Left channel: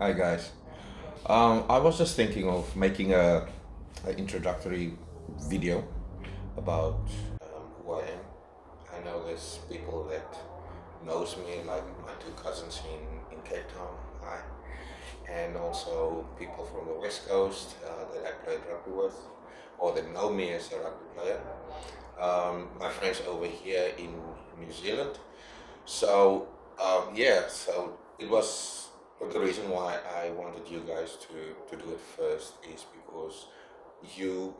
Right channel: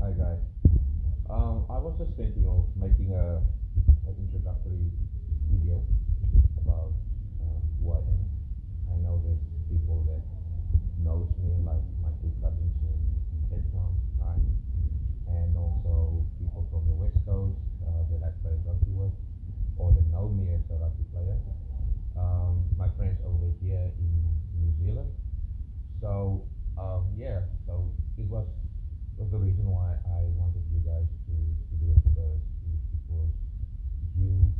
Hi guys. I was just thinking of making an introductory video about who I am. I know there's people that knows me, like my two cousins in Cape Town, hi, and also people from the West Coast that I played rugby with, or that know me as a rugby player. My friends over here in New Zealand. So yeah, so it was but the reason why I wanted you guys to do it first is because you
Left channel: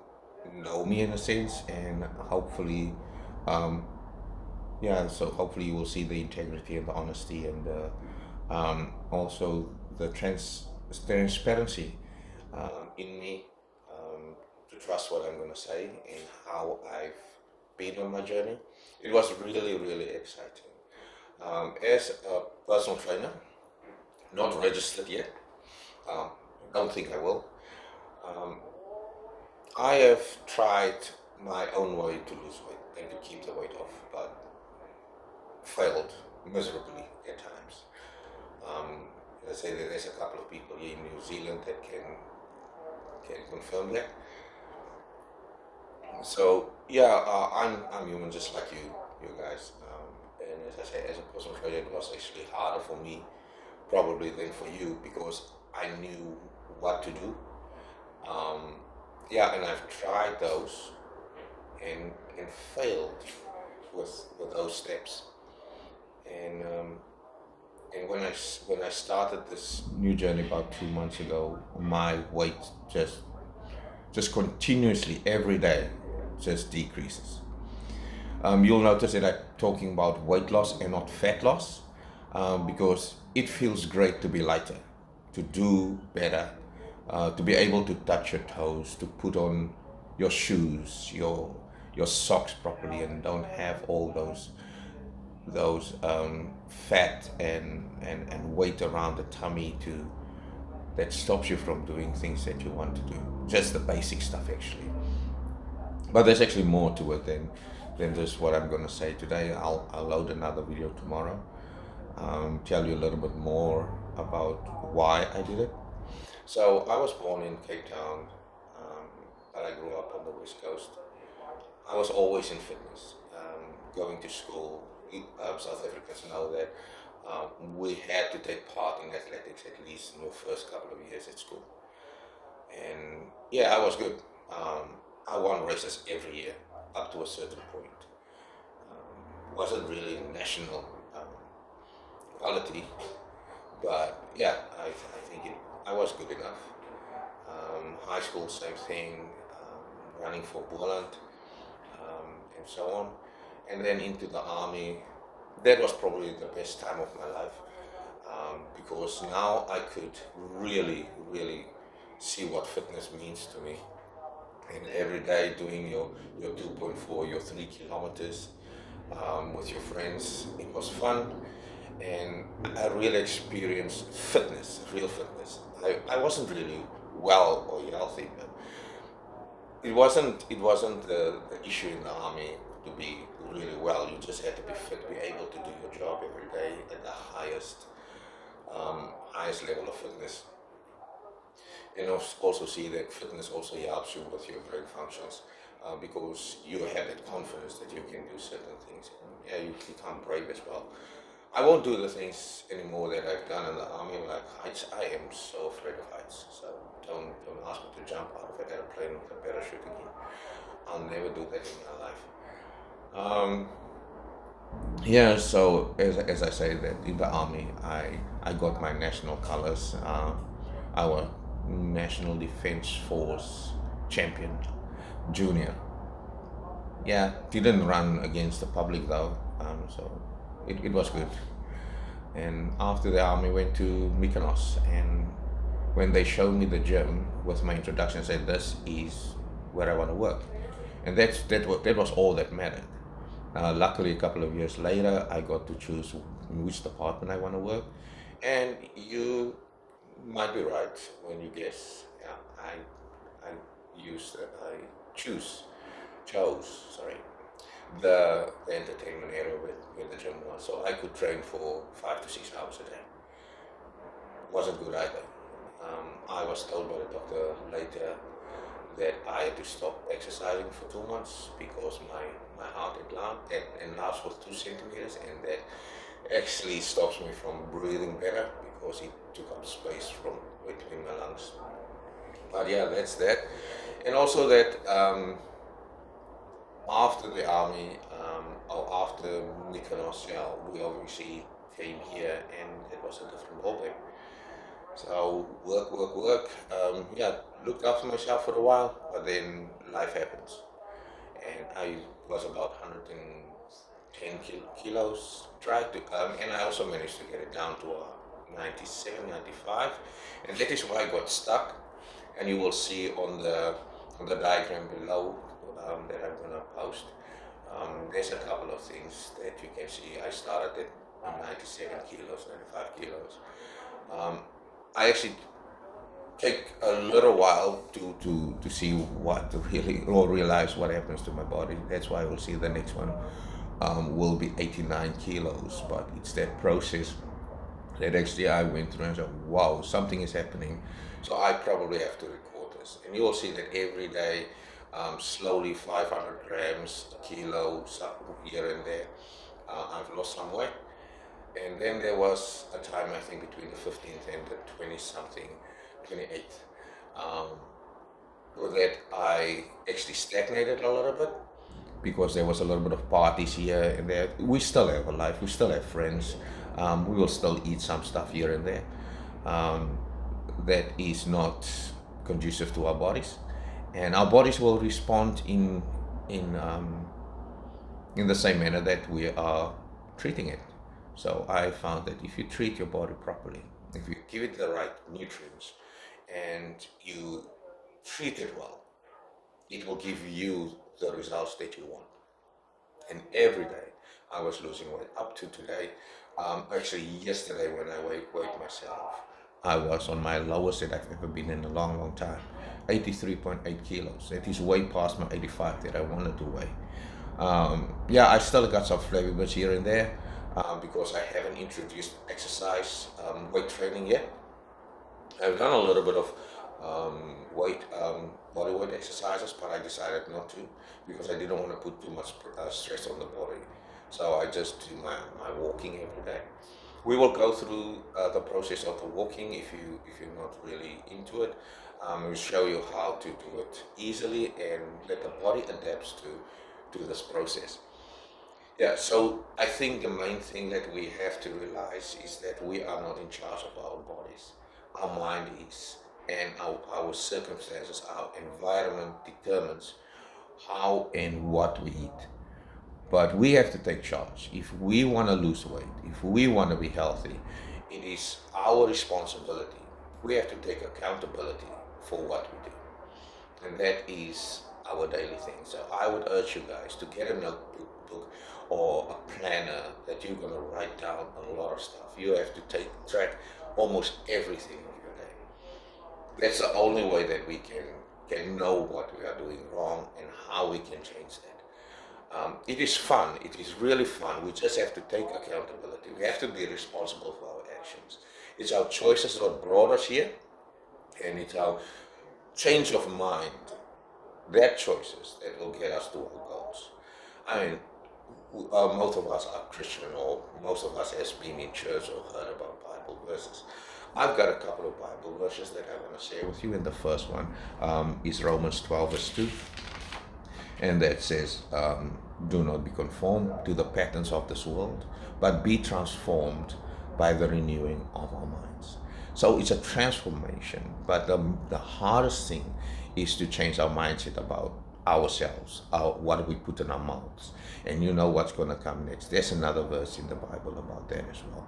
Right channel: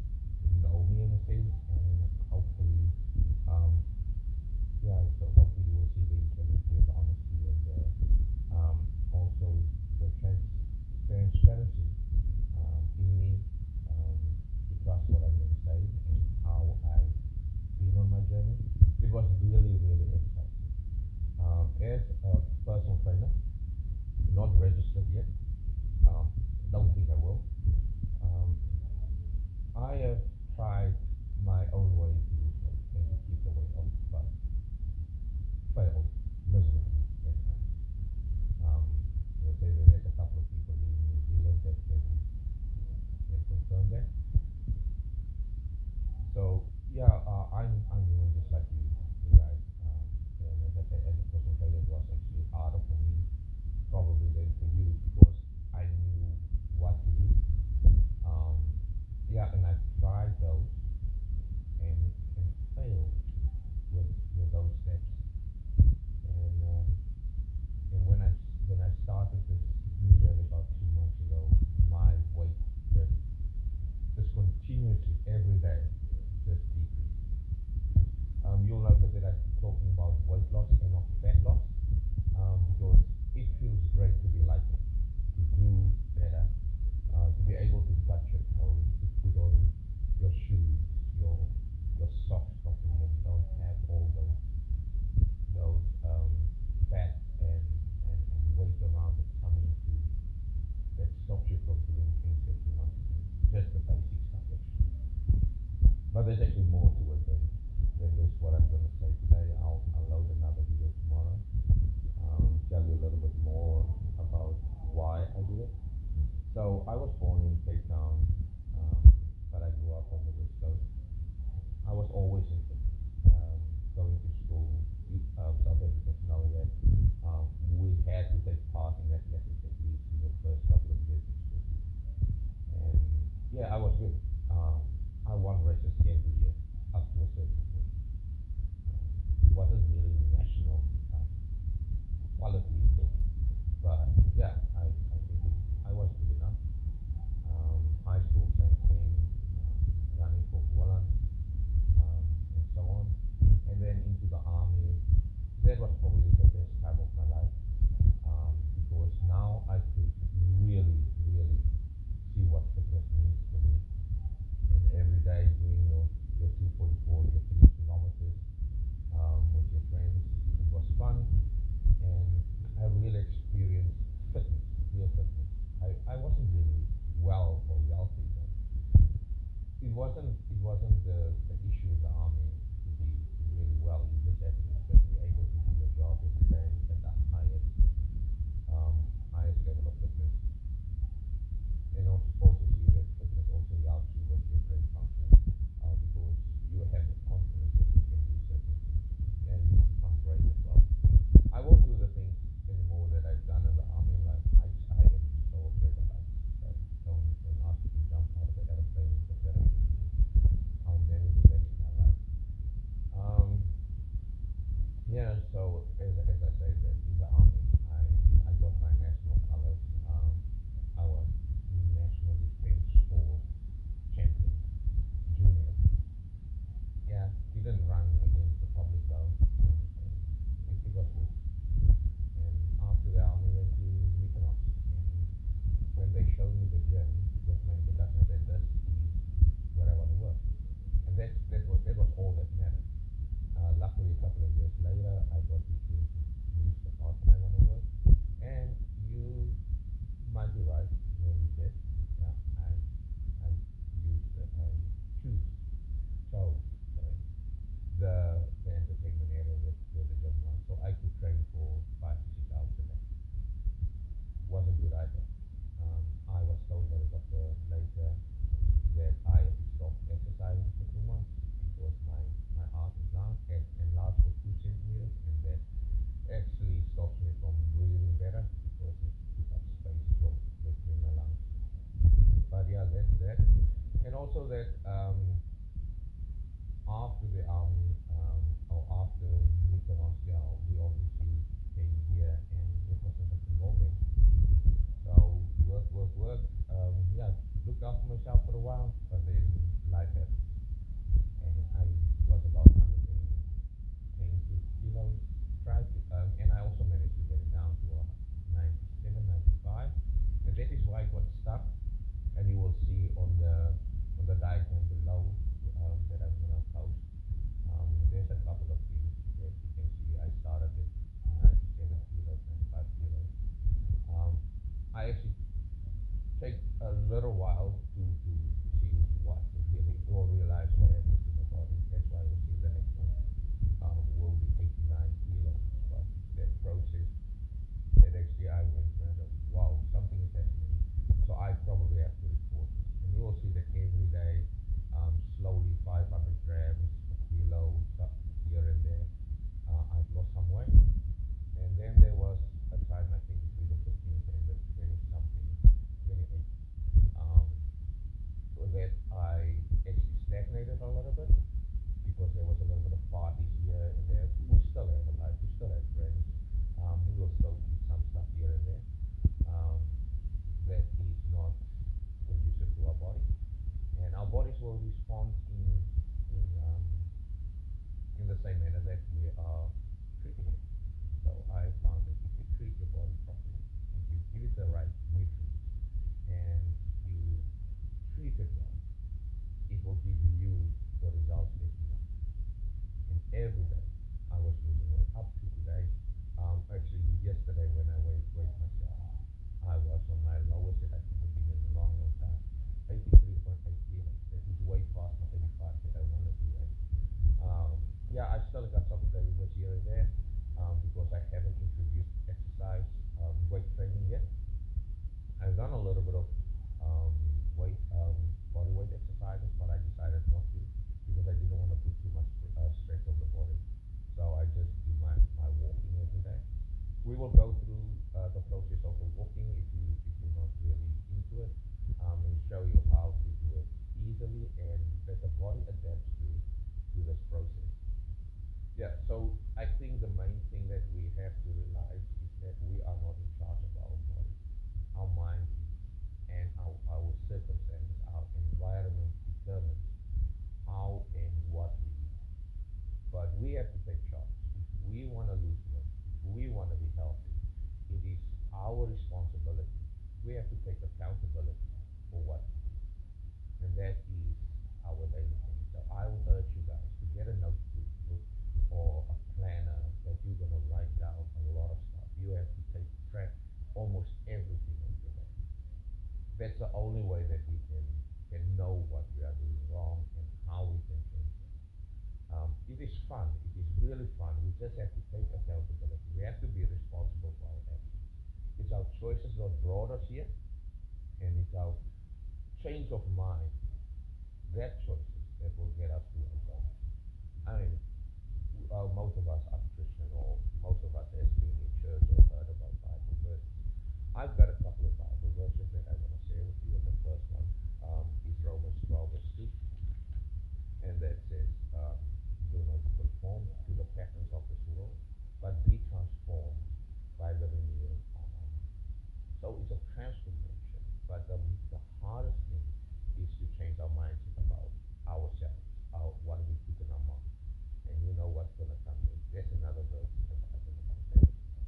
know me in a sense, and hopefully, um, yeah. So hopefully you will see the integrity and the honesty and also the transparency in me, to trust what I'm going to say and how I've been on my journey. It was really really exciting. As a personal trainer, not registered yet. Um, don't think I will. Um, I have tried my own way to lose weight and to keep the weight off, but failed miserably at times. Um, I say that there's a couple of people here in New Zealand that can confirm that. So yeah, I'm human just like you guys. And as I say, as a personal trainer, it was actually harder for me probably than for you because I knew what to do. Um, yeah, and I've tried those and failed with those steps. And when I started this new journey about 2 months ago, my weight just continuously every day just decreases. You'll notice that I'm talking about weight loss and not fat loss, because it feels great to be lighter, to do better, to be able to touch your toes, to put on your shoes, your socks properly, and don't have all those fat and weight around the tummy to that stops you from doing things that you want to do. Just the basic stuff, actually. But there's actually more to it than just what I'm going to say today. I'll load another video tomorrow, tell you a little bit more about why I did it. So I was born in Cape Town, but I grew up on the West Coast. I was always in fitness, going to school. South Africans know that we had to take part in athletics at least in the first couple of years at school. And yeah, I was good. I won races every year up to a certain point. Wasn't really national quality, but yeah, I think I was good enough. High school, same thing, running for Boland, and so on. And then into the army. That was probably the best time of my life, because now I could really, really see what fitness means to me. And every day doing your 2.4, your 3 kilometers with your friends, it was fun. And I really experienced fitness, real fitness. I wasn't really well or healthy, but it wasn't the issue in the army to be really well. You just had to be fit, be able to do your job every day at the highest level of fitness. And also see that fitness also helps you with your brain functions, because you have that confidence that you can do certain things. Yeah, you become brave as well. I won't do the things anymore that I've done in the army, like heights. I am so afraid of heights. So don't ask me to jump out of an airplane with a parachute again. I'll never do that in my life. Um, yeah, so as I say that in the army, I got my national colors, our National Defense Force champion, junior. Yeah, didn't run against the public though, so it was good. And after the army, went to Mykonos, and when they showed me the gym with my introduction, said this is where I want to work, and that was all that mattered. Luckily, a couple of years later, I got to choose in which department I want to work, and you might be right when you guess. Yeah, I I chose, sorry, the entertainment area with the gym was, so I could train for 5 to 6 hours a day. wasn't good either. I was told by the doctor later that I had to stop exercising for 2 months because my heart enlarged was 2 centimeters, and that actually stops me from breathing better because it took up space from between my lungs. But yeah, that's that. And also that after the army, or after Mykonos, yeah, we obviously came here, and it was a different ballgame. So work. Yeah, looked after myself for a while, but then life happens, and I was about 110 kilos. Tried to, and I also managed to get it down to 97, 95, and that is why I got stuck. And you will see on the diagram below that I'm gonna post. There's a couple of things that you can see. I started at 97 kilos, 95 kilos. Um, I actually take a little while to see what really, or realize what happens to my body. That's why we'll see the next one will be 89 kilos, but it's that process that actually I went through and said, wow, something is happening. So I probably have to record this. And you will see that every day, slowly 500 grams, a kilo, here and there, I've lost some weight. And then there was a time, I think, between the 15th and the 20 something, 28th, that I actually stagnated a little bit because there was a little bit of parties here and there. We still have a life, we still have friends, we will still eat some stuff here and there. That is not conducive to our bodies, and our bodies will respond in the same manner that we are treating it. So I found that if you treat your body properly, if you give it the right nutrients, and you treat it well, it will give you the results that you want. And every day I was losing weight up to today. Actually, yesterday when I weighed myself, I was on my lowest that I've ever been in a long, long time. 83.8 kilos. That is way past my 85 that I wanted to weigh. Yeah, I still got some flavor bits here and there because I haven't introduced exercise weight training yet. I've done a little bit of body weight exercises, but I decided not to because I didn't want to put too much stress on the body. So I just do my walking every day. We will go through the process of the walking if you're not really into it. We'll show you how to do it easily and let the body adapts to this process. Yeah, so I think the main thing that we have to realize is that we are not in charge of our bodies. Our mind is, and our circumstances, our environment determines how and what we eat. But we have to take charge. If we want to lose weight, if we want to be healthy, it is our responsibility. We have to take accountability for what we do. And that is our daily thing. So I would urge you guys to get a notebook or a planner that you're going to write down a lot of stuff. You have to take track almost everything of your day. That's the only way that we can know what we are doing wrong and how we can change that. It is fun. It is really fun. We just have to take accountability. We have to be responsible for our actions. It's our choices that brought us here, and it's our change of mind, their choices that will get us to our goals. I mean, most of us are Christian, or most of us has been in church or heard about Bible verses. I've got a couple of Bible verses that I want to share with you, and the first one is Romans 12 verse 2. And that says, do not be conformed to the patterns of this world, but be transformed by the renewing of our minds. So it's a transformation, but the hardest thing is to change our mindset about ourselves, what we put in our mouths. And you know what's going to come next. There's another verse in the Bible about that as well.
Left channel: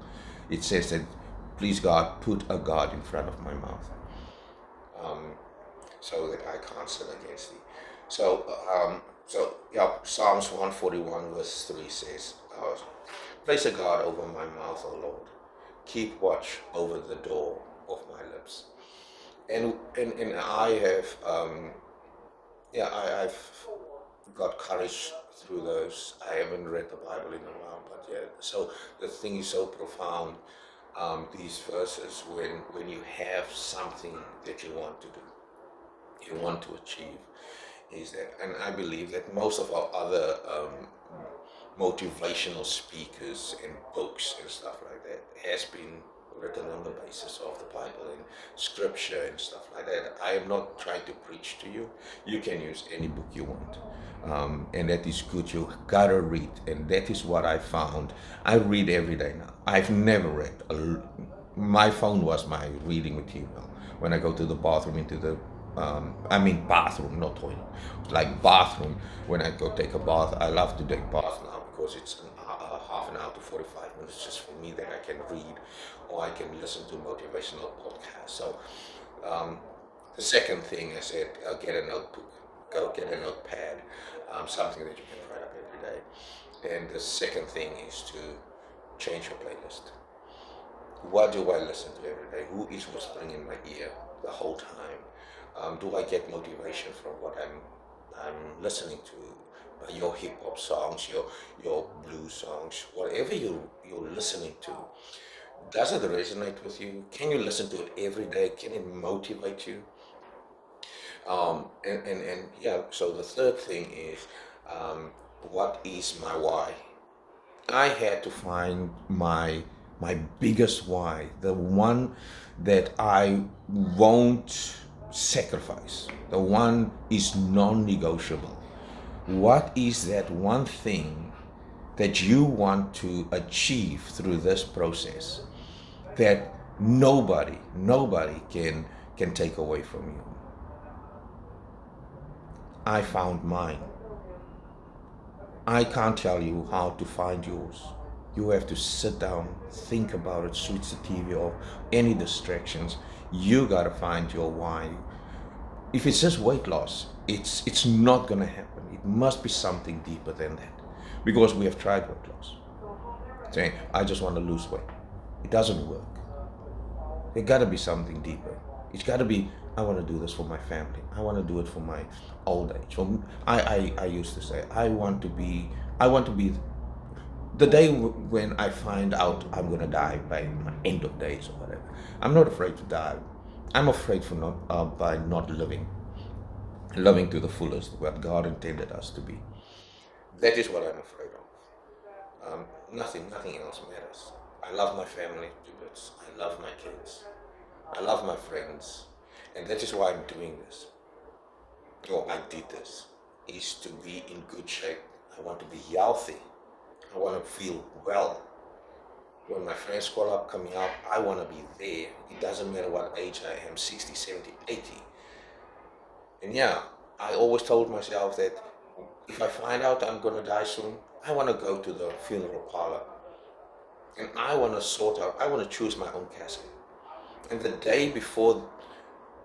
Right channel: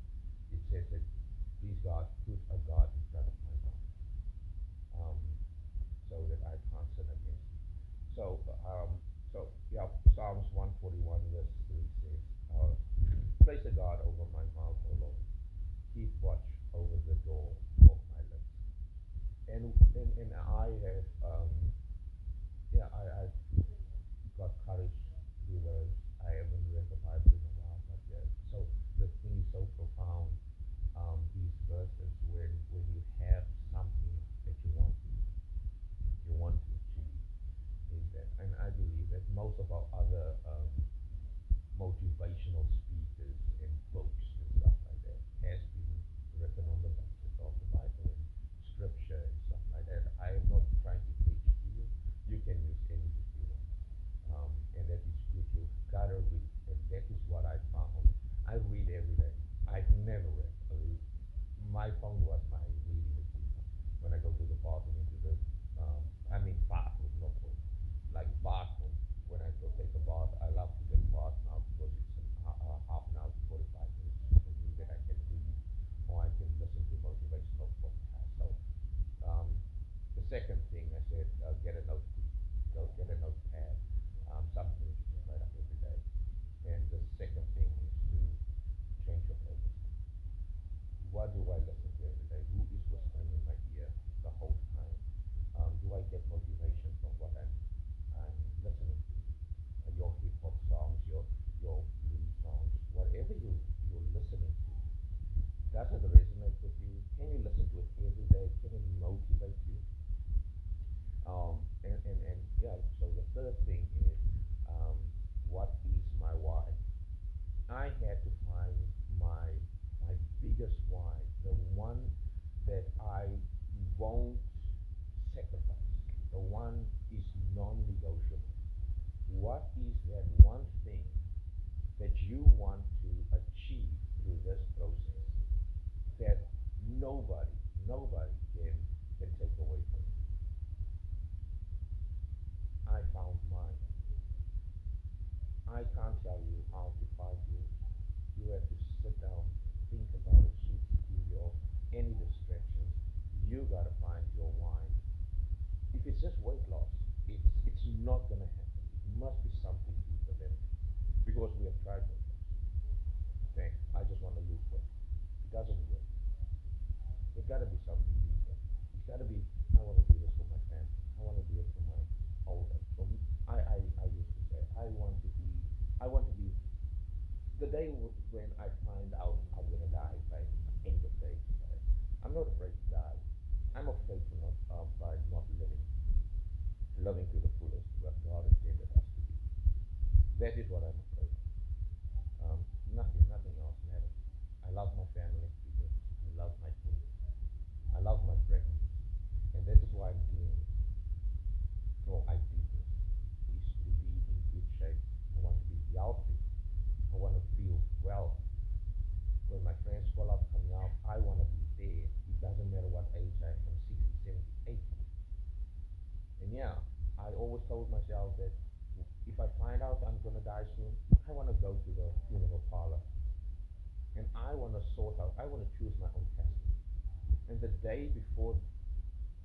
It says that, please God, put a God in front of my mouth, so that I can't sin against thee. So Psalms 141 verse 3 says, place a guard over my mouth, O Lord. Keep watch over the door of my lips. And I have, I've got courage through those. I haven't read the Bible in a while, but yeah. So the thing is so profound. these verses when you have something that you want to do, you want to achieve, is that, and I believe that most of our other motivational speakers and books and stuff like that has been written on the basis of the Bible and scripture and stuff like that. I am not trying to preach to you. You can use any book you want. And that is good. You gotta read, and that is what I found. I read every day now. I've never read. My phone was my reading material. When I go to the bathroom, into the bathroom, not toilet, like bathroom. When I go take a bath, I love to take bath now because it's half an hour to 45 minutes just for me that I can read or I can listen to motivational podcasts. So the second thing is that get a notebook, go get a notepad, something that you can write up every day. And the second thing is to change your playlist. What do I listen to every day? Who is whispering in my ear the whole time? Do I get motivation from what I'm listening to? Your hip hop songs, your blues songs, whatever you're listening to. Does it resonate with you? Can you listen to it every day? Can it motivate you? And yeah, so the third thing is, what is my why? I had to find my biggest why, the one that I won't sacrifice. The one is non-negotiable. What is that one thing that you want to achieve through this process that nobody can take away from you? I found mine. I can't tell you how to find yours. You have to sit down, think about it, switch the TV off, any distractions. You gotta find your why. If it's just weight loss, it's not gonna happen. It must be something deeper than that. Because we have tried weight loss. Saying, I just want to lose weight. It doesn't work. There gotta be something deeper. It's gotta be, I want to do this for my family. I want to do it for my old age. I used to say, I want to be the day when I find out I'm gonna die by my end of days or whatever. I'm not afraid to die. I'm afraid for not by not living to the fullest what God intended us to be. That is what I'm afraid of. Nothing else matters. I love my family to bits. I love my kids. I love my friends, and that is why I'm doing this. Or I did this. Is to be in good shape. I want to be healthy. I want to feel well. When my friends call up, coming out, I want to be there. It doesn't matter what age I am, 60, 70, 80. And yeah, I always told myself that if I find out I'm going to die soon, I want to go to the funeral parlor. And I want to sort out, I want to choose my own casket. And the day before,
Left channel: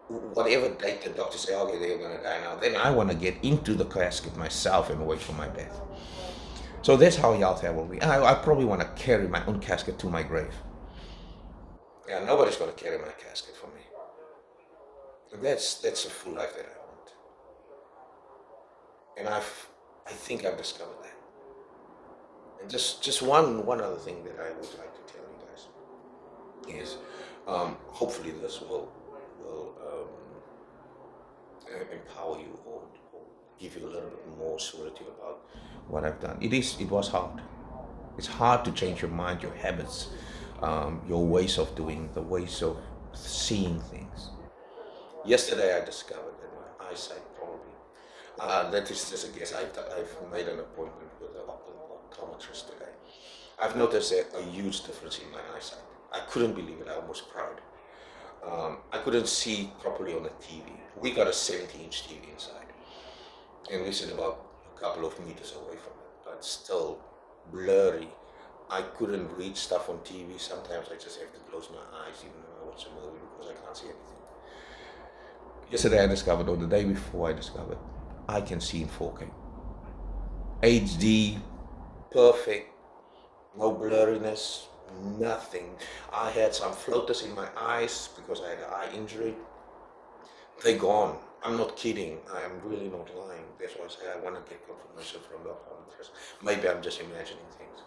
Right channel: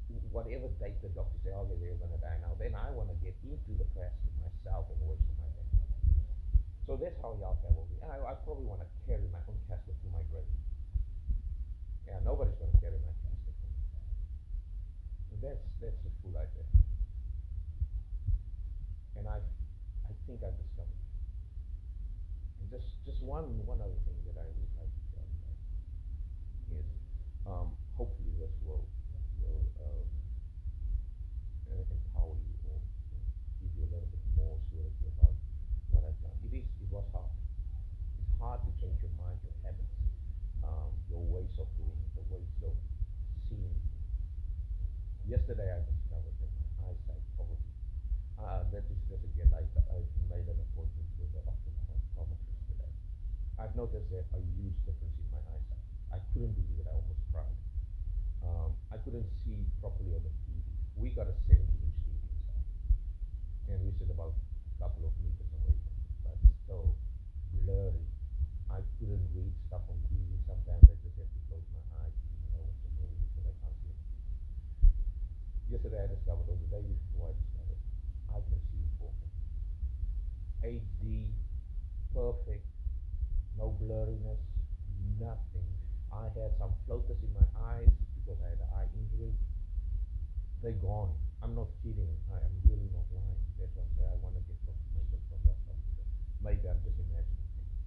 whatever date the doctor say, okay, they're going to die now, then I want to get into the casket myself and wait for my death. So that's how healthy I will be. I probably want to carry my own casket to my grave. Yeah, nobody's going to carry my casket for me. And that's a full life that I want. And I think I've discovered that. And just one other thing that I would like to tell you guys is, hopefully this will empower you or give you a little bit more surety about what I've done. It was hard. It's hard to change your mind, your habits, your ways of doing, the ways of seeing things. Yesterday I discovered that my eyesight probably, that is just a guess, I've made an appointment with an optometrist today. I've noticed a huge difference in my eyesight. I couldn't believe it, I almost cried. I couldn't see properly on the TV. We got a 70-inch TV inside, and we sit about a couple of meters away from it, but still blurry. I couldn't read stuff on TV. Sometimes I just have to close my eyes even though I watch a movie because I can't see anything. Yesterday I discovered, or the day before I discovered, I can see in 4K. HD, perfect, no blurriness, nothing. I had some floaters in my eyes because I had an eye injury. They're gone. I'm not kidding. I am really not lying. That's why I say I want to get confirmation from the optometrist. Maybe I'm just imagining things.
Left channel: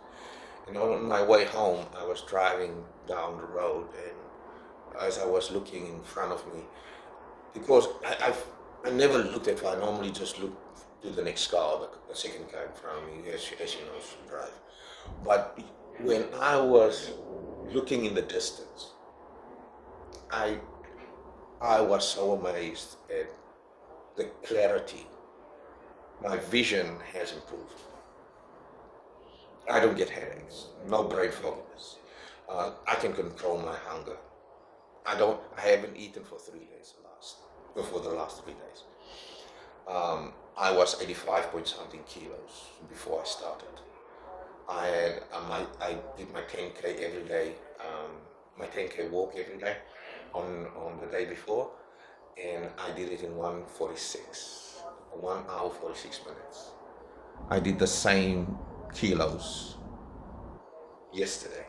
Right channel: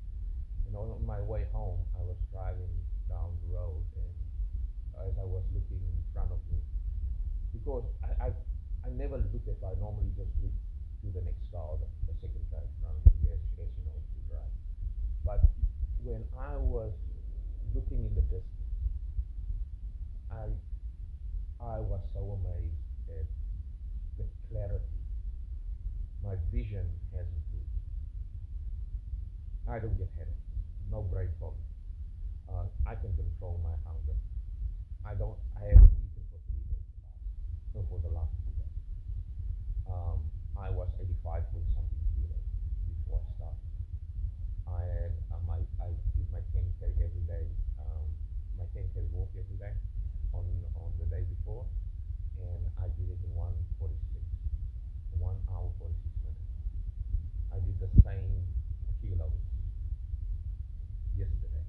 And on my way home, I was driving down the road, and as I was looking in front of me, because I never looked at far. I normally just look to the next car, the second car in front of me, as you know, drive. But when I was looking in the distance, I I was so amazed at the clarity. My vision has improved. I don't get headaches, no brain fogginess. I can control my hunger. I haven't eaten for 3 days before the last 3 days. I was 85 point something kilos before I started. I had I did my 10K every day, my 10K walk every day on the day before, and I did it in 1 hour 46 minutes. I did the same kilos yesterday,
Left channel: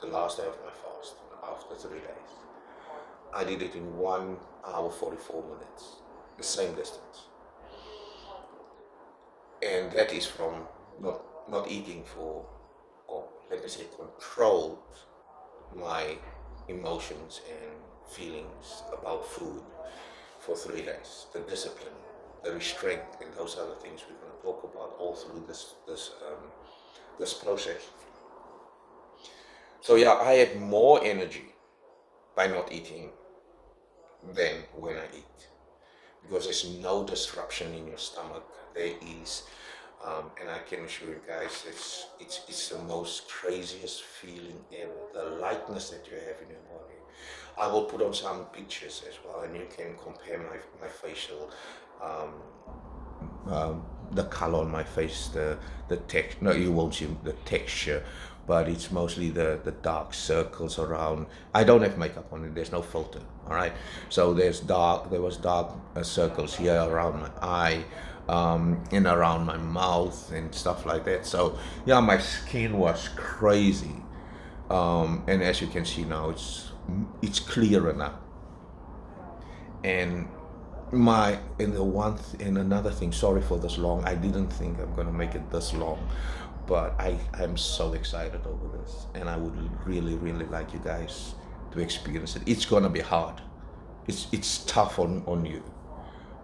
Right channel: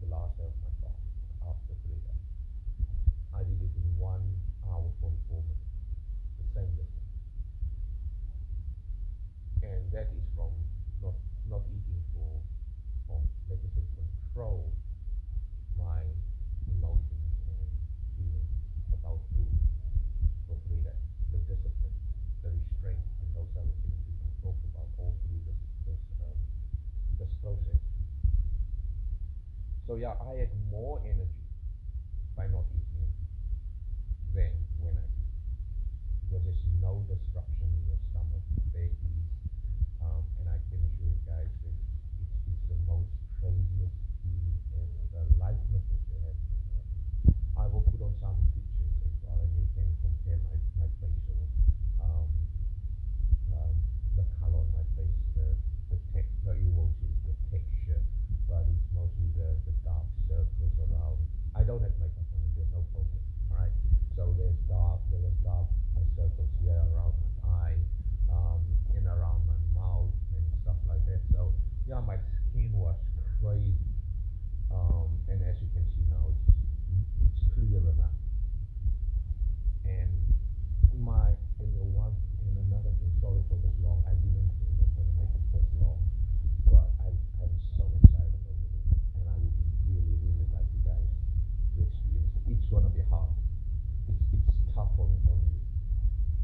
the last day of my fast, after 3 days. I did it in 1 hour 44 minutes, the same distance. And that is from not eating for, or let me say, controlled my emotions and feelings about food for 3 days. The discipline, the restraint, and those other things we're going to talk about all through this process. So yeah, I had more energy by not eating than when I eat, because there's no disruption in your stomach. There is, and I can assure you guys, it's the most craziest feeling ever. The lightness that you have in your body. I will put on some pictures as well, and you can compare my facial, the color on my face, the text. No, you won't see the texture, but it's mostly the dark circles around. I don't have makeup on it. There's no filter. All right. So there was dark circles here around my eye, and around my mouth and stuff like that. So yeah, my skin was crazy, and as you can see now, it's clearer now. And and another thing, sorry for this long. I didn't think I'm gonna make it this long, but I'm so excited over this, and I would really really like you guys to experience it. It's gonna be hard. It's tough on you,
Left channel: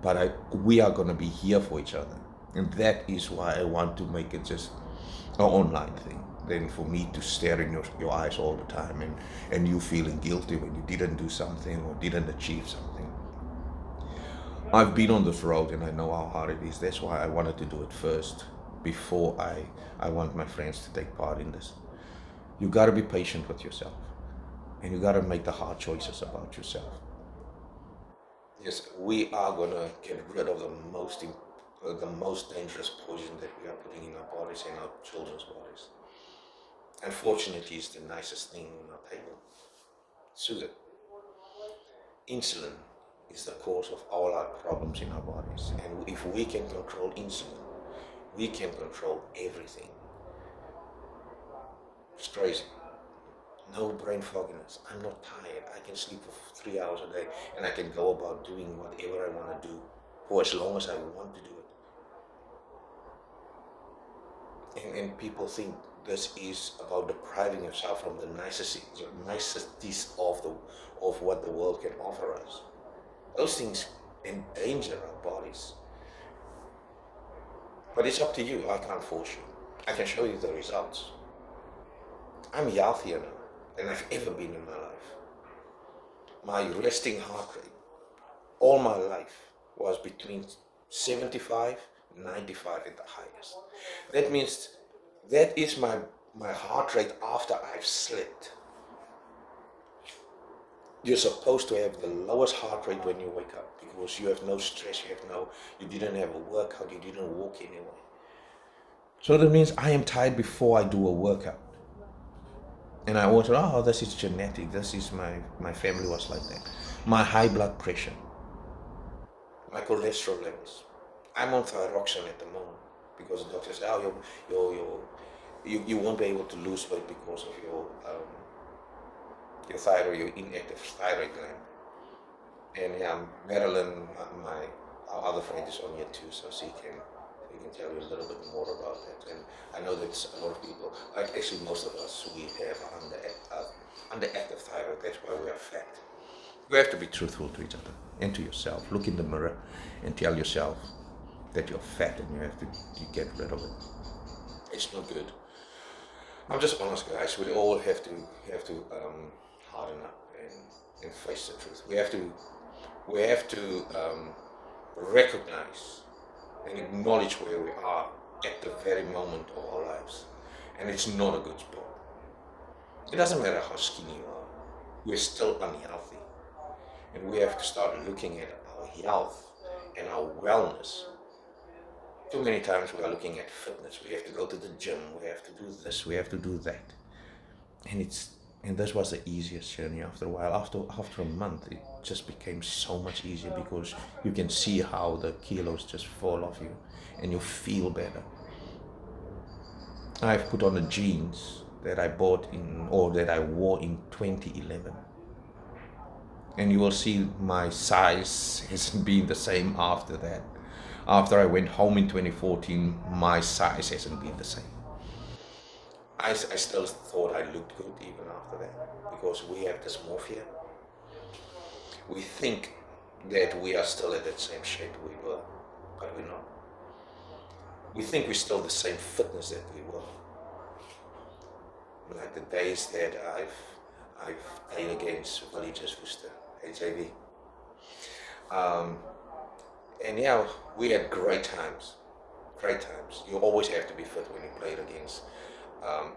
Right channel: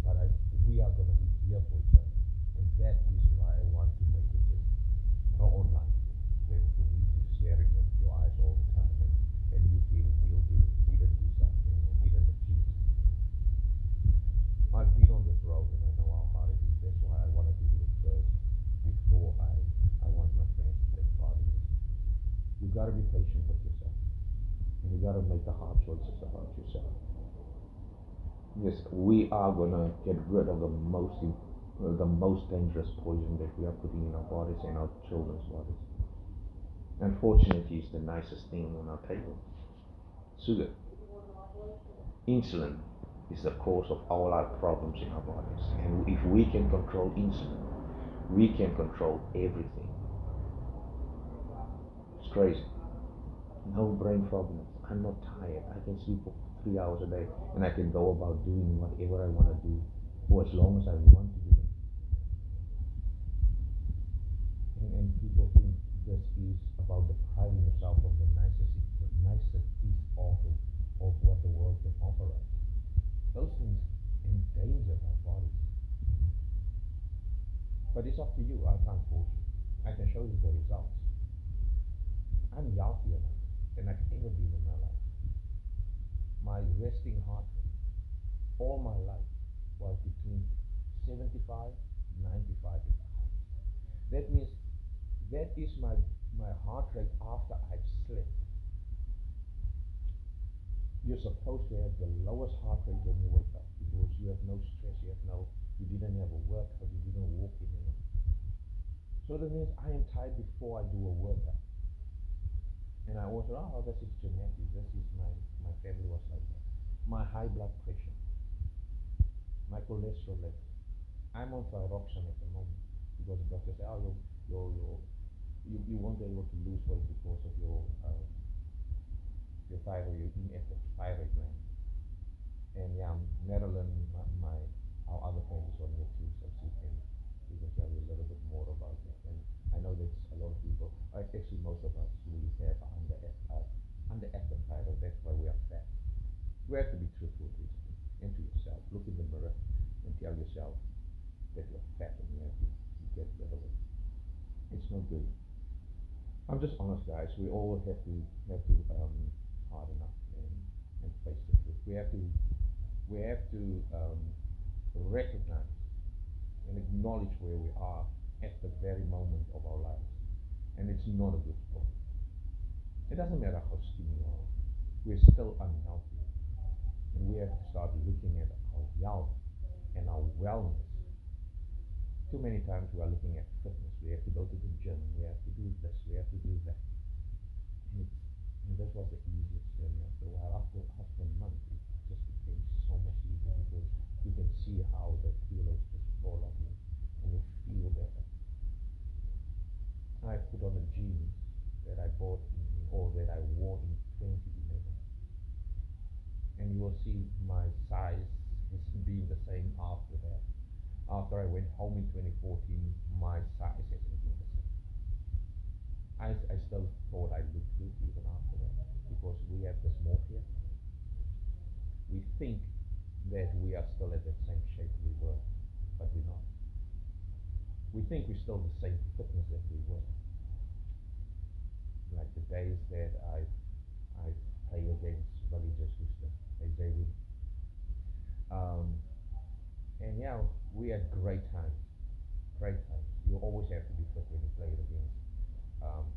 but we are gonna be here for each other, and that is why I want to make it just an online thing. Then for me to stare in your eyes all the time, and you feeling guilty when you didn't do something or didn't achieve something. I've been on this road and I know how hard it is. That's why I wanted to do it first before I want my friends to take part in this. You got to be patient with yourself, and you got to make the hard choices about yourself. Yes, we are going to get rid of the most dangerous poison that we are putting in our bodies and our children's bodies. Unfortunately, it's the nicest thing on our table. Sugar. Insulin is the cause of all our problems in our bodies. And if we can control insulin, we can control everything. It's crazy. No brain fogginess. I'm not tired. I can sleep for 3 hours a day, and I can go about doing whatever I want to do for as long as I want to do it. And people think this is about depriving yourself from the niceties of what the world can offer us. Those things endanger our bodies. But it's up to you. I can't force you. I can show you the results. I'm healthier now than I've ever been in my life. My resting heart rate all my life was between 75 and 95 at the highest. That means that is my heart rate after I've slept. You're supposed to have the lowest heart rate when you wake up, because you have no stress, you didn't have a workout, you didn't walk anywhere. So that means I am tired before I do a workout. And I was, oh, this is genetic, this is my family was like that. My high blood pressure, my cholesterol levels. I'm on thyroxine at the moment, because the doctor said, oh, you won't be able to lose weight because of your thyroid, your inactive thyroid gland. And yeah, Marilyn, our other friend, is on here too, so she can He can tell you a little bit more about that. And I know that a lot of people, like actually most of us, we have underactive thyroid. That's why we are fat. You have to be truthful to each other and to yourself. Look in the mirror and tell yourself that you're fat and you have to get rid of it. It's not good. I'm just honest, guys. We all have to harden up and face the truth. We have to recognize and acknowledge where we are at the very moment of our lives, and it's not a good spot. It doesn't matter how skinny you are. We're still unhealthy, and we have to start looking at our health and our wellness. Too many times we are looking at fitness. We have to go to the gym. We have to do this. We have to do that. And this was the easiest journey. After a while, after a month, it just became so much easier because you can see how the kilos just fall off you, and you feel better. I've put on the jeans that I bought that I wore in 2011. And you will see my size hasn't been the same after that. After I went home in 2014, my size hasn't been the same. I still thought I looked good even after that, because we have dysmorphia. We think that we are still at that same shape we were, but we're not. We think we're still the same fitness that we were. Like the days that I've played against Villages Worcester, AJV. And yeah, we had great times. You always have to be fit when you played against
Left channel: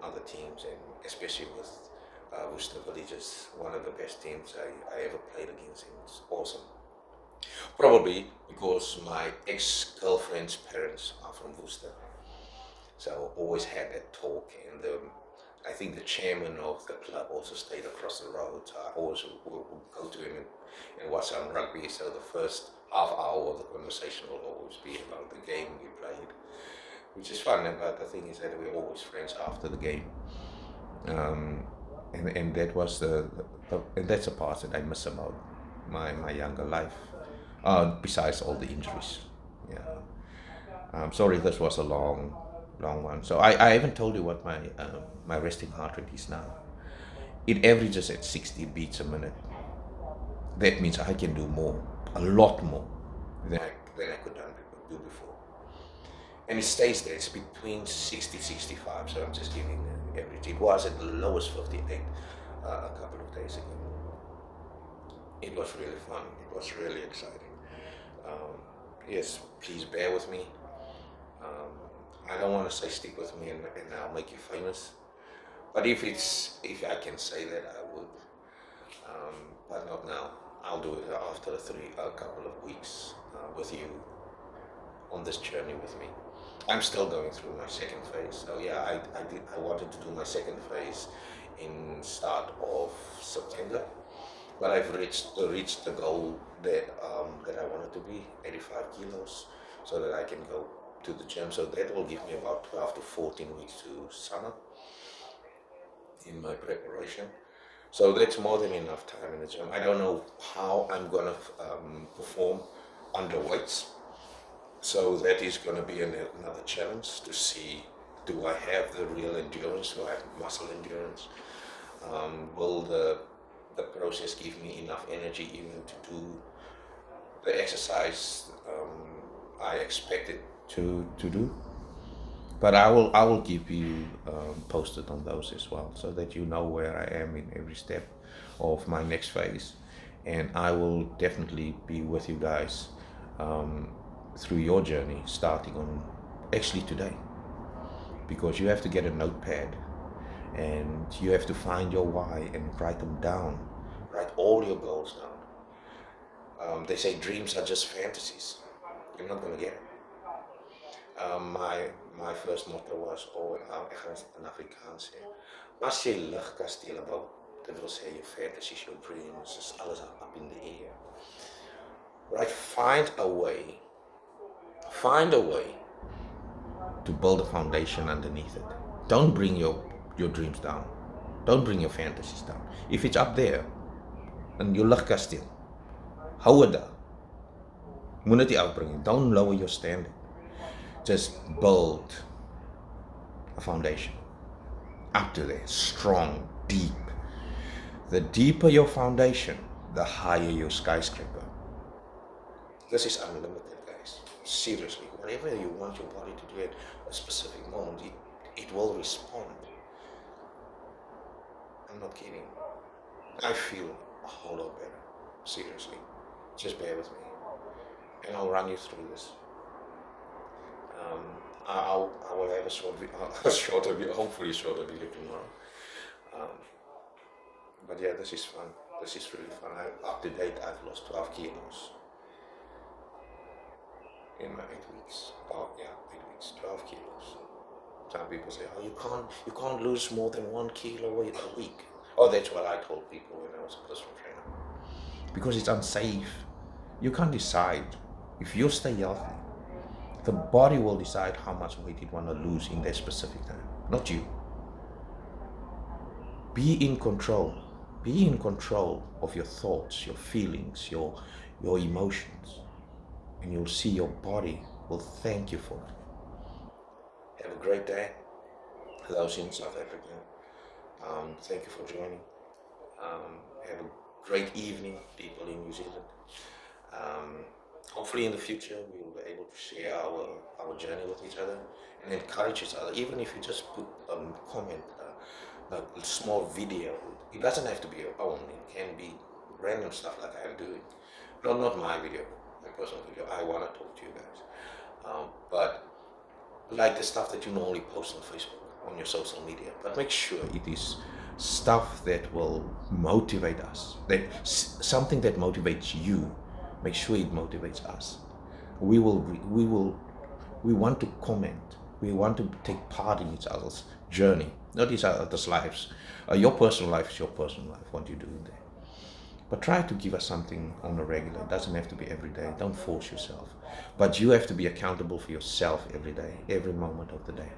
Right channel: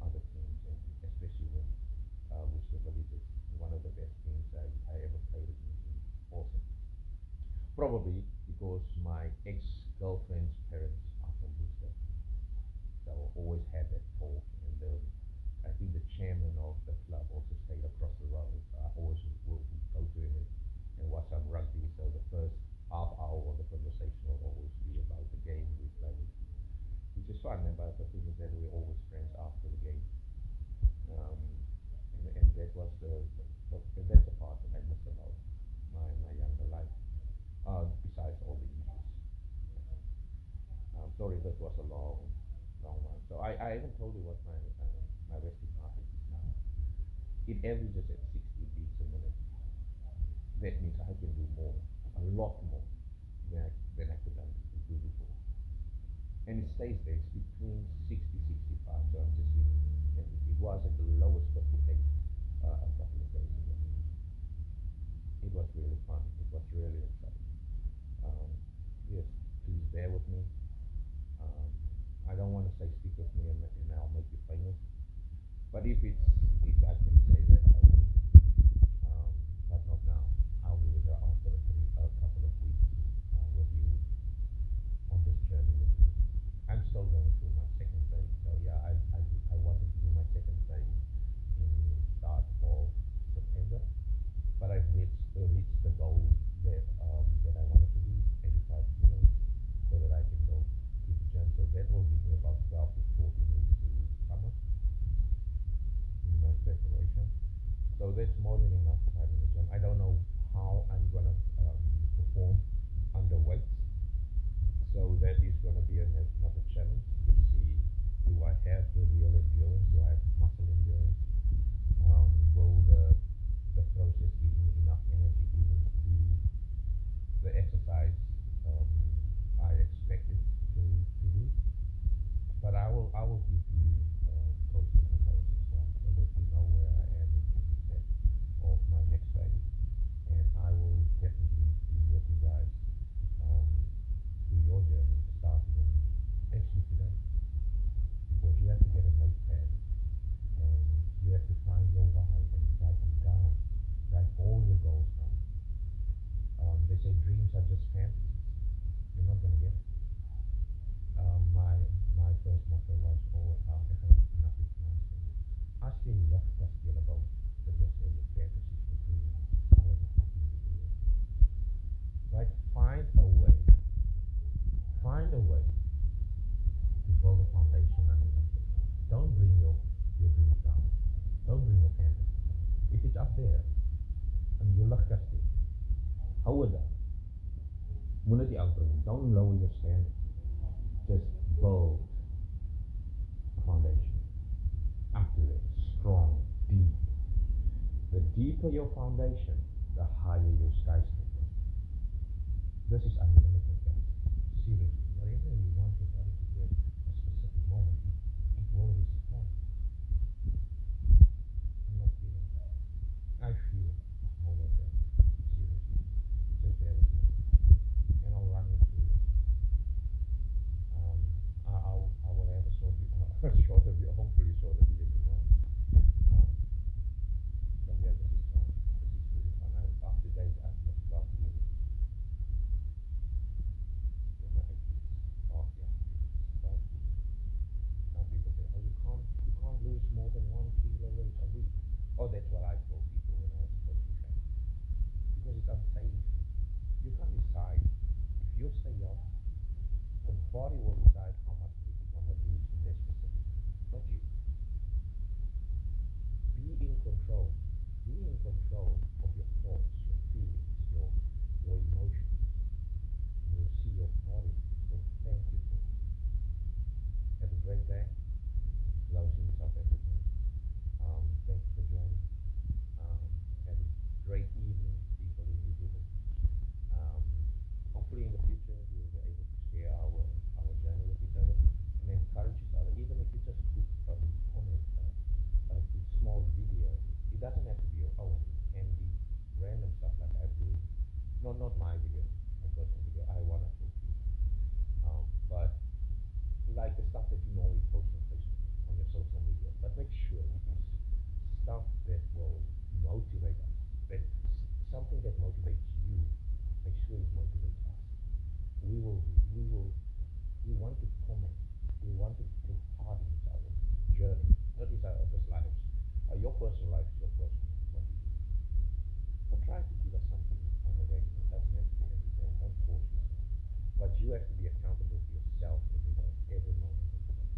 other teams, and especially with Worcester Villages, one of the best teams I ever played against, and it's awesome. Probably because my ex-girlfriend's parents are from Worcester, so I always had that talk, and I think the chairman of the club also stayed across the road, so I always would go to him and watch some rugby, so the first half hour of the conversation will always be about the game we played, which is fun. But the thing is that we're always friends after the game, and that was and that's a part that I miss about my younger life. Besides all the injuries, yeah. I'm sorry, this was a long one. So I haven't told you what my resting heart rate is now. It averages at 60 beats a minute. That means I can do more, a lot more than I could do before. And it stays there. It's between 60, 65. So I'm just giving an average. It was at the lowest 58 a couple of days ago. It was really fun. It was really exciting. Yes, please bear with me. I don't want to say stick with me and I'll make you famous. But if I can say that, I would. But not now. I'll do it after a couple of weeks with you on this journey with me. I'm still going through my second phase. So yeah, I wanted to do my second phase in start of September, but I've reached the goal that I wanted to be 85 kilos, so that I can go to the gym. So that will give me about 12 to 14 weeks to summer in my preparation. So that's more than enough time in the gym. I don't know how I'm gonna perform under weights. So that is gonna be another challenge to see, do I have the real endurance? Do I have muscle endurance? Will the process give me enough energy even to do the exercise I expected to do? But I will keep you posted on those as well, so that you know where I am in every step of my next phase. And I will definitely be with you guys through your journey, starting on actually today, because you have to get a notepad and you have to find your why and write them down. Write all your goals down. They say dreams are just fantasies. You're not going to get it. My first motto was, ek gaan het in Afrikaans sê, as jy luchtkastele bou, dit wil sê your fantasies, your dreams, is alles up in the air. Right? Find a way to build a foundation underneath it. Don't bring your dreams down. Don't bring your fantasies down. If it's up there, in jou luchtkasteel, hou het daar. Moet dit nie afbring. Don't lower your standard. Just build a foundation up to there, strong, deep. The deeper your foundation, the higher your skyscraper. This is unlimited, guys. Seriously, whatever you want your body to do at a specific moment, it will respond. I'm not kidding. I feel a whole lot better. Seriously. Just bear with me. And I'll run you through this. I will have a shorter video, hopefully shorter video tomorrow. But yeah, this is fun. This is really fun. Up to date, I've lost 12 kilos in my 8 weeks. Oh yeah, 8 weeks, 12 kilos. Some people say, oh, you can't lose more than 1 kilo a week. Oh, that's what I told people when I was a personal trainer. Because it's unsafe. You can't decide. If you stay healthy, the body will decide how much weight it want to lose in that specific time, not you. Be in control. Be in control of your thoughts, your feelings, your emotions, and you'll see your body will thank you for it. Have a great day. Those in South Africa, thank you for joining. Have a great evening, people in New Zealand. Hopefully in the future we will be able to share our journey with each other and encourage each other. Even if you just put a comment, a small video. It doesn't have to be your own. It can be random stuff like I'm doing. Not my video, my personal video. I want to talk to you guys. But like the stuff that you normally post on Facebook, on your social media. But make sure it is stuff that will motivate us. Something that motivates you. Make sure it motivates us. We want to comment. We want to take part in each other's journey, not each other's lives. Your personal life is your personal life, what you do in there. But try to give us something on a regular. It doesn't have to be every day. Don't force yourself. But you have to be accountable for yourself every day, every moment of the day.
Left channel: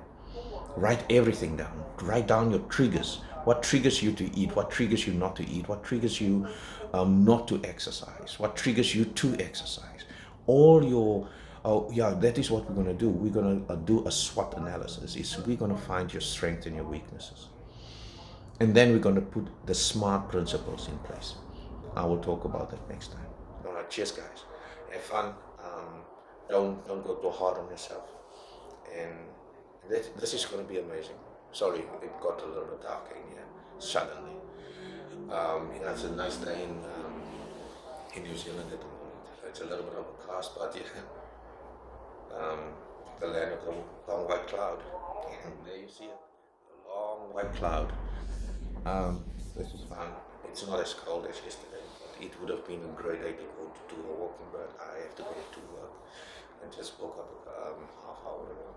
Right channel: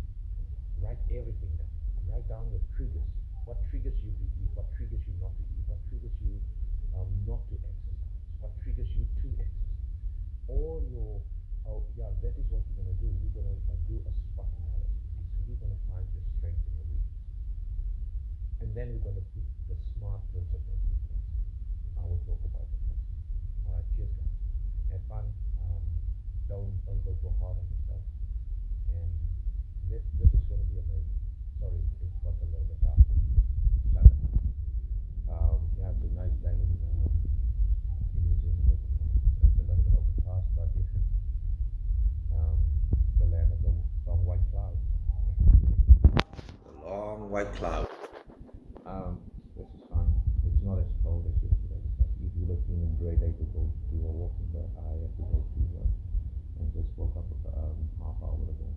Write everything down. Write down your triggers. What triggers you to eat? What triggers you not to eat? What triggers you not to exercise? What triggers you to exercise? All your, that is what we're going to do. We're going to do a SWOT analysis. We're going to find your strengths and your weaknesses. And then we're going to put the SMART principles in place. I will talk about that next time. All right, cheers, guys. Have fun. Don't go too hard on yourself. And this is going to be amazing. Sorry, it got a little bit dark in here suddenly. It's a nice day in New Zealand at the moment. It's a little bit overcast, but yeah, the land of the long white cloud. There you see it, the long white cloud. This is fun. It's not as cold as yesterday, but it would have been a great day to go to do a walking, but I have to go to work. I just woke up half hour ago.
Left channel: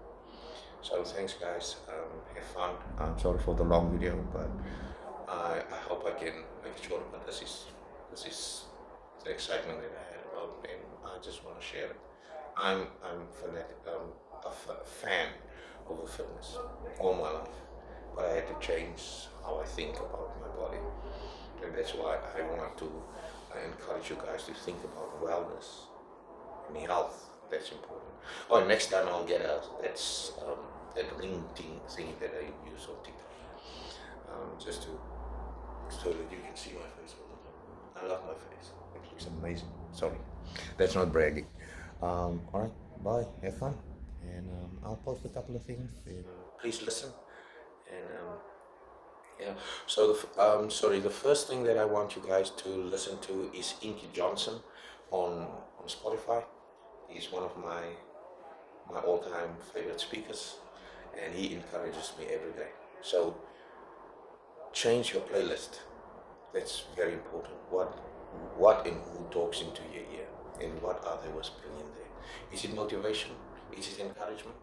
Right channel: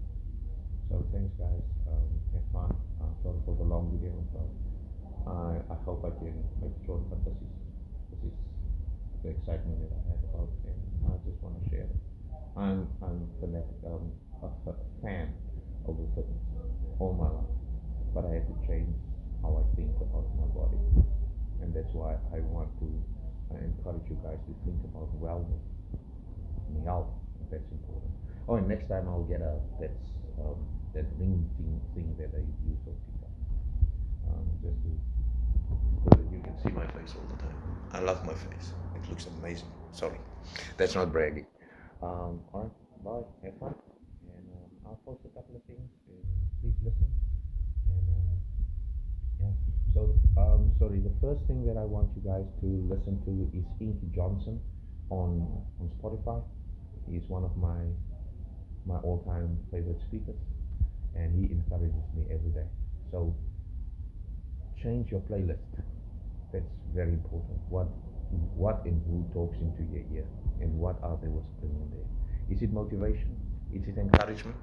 So thanks, guys. Have fun. I'm sorry for the long video, but I hope I can make it short. But this is the excitement that I had about it, and I just want to share it. I'm fanatic, a fan of fitness all my life, but I had to change how I think about my body, and that's why I want to encourage you guys to think about wellness and health. That's important. Oh, and next time I'll get that ring thing that I use on TikTok, just so that you can see my face all the time. I love my face. It looks amazing. Sorry, that's not bragging. All right, bye. Have fun, and I'll post a couple of things. And please listen. And yeah. So the first thing that I want you guys to listen to is Inky Johnson on Spotify. He's one of my all-time favorite speakers, and he encourages me every day. So change your playlist. That's very important. What and who talks into your ear, and what are they whispering in there? Is it motivation? Is it encouragement?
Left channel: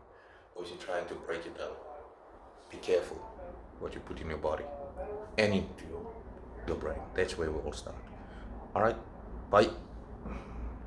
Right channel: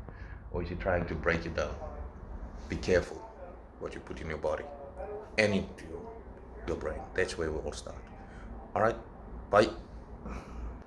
Or is it trying to break you down? Be careful what you put in your body and into your brain. That's where we all start. All right, bye.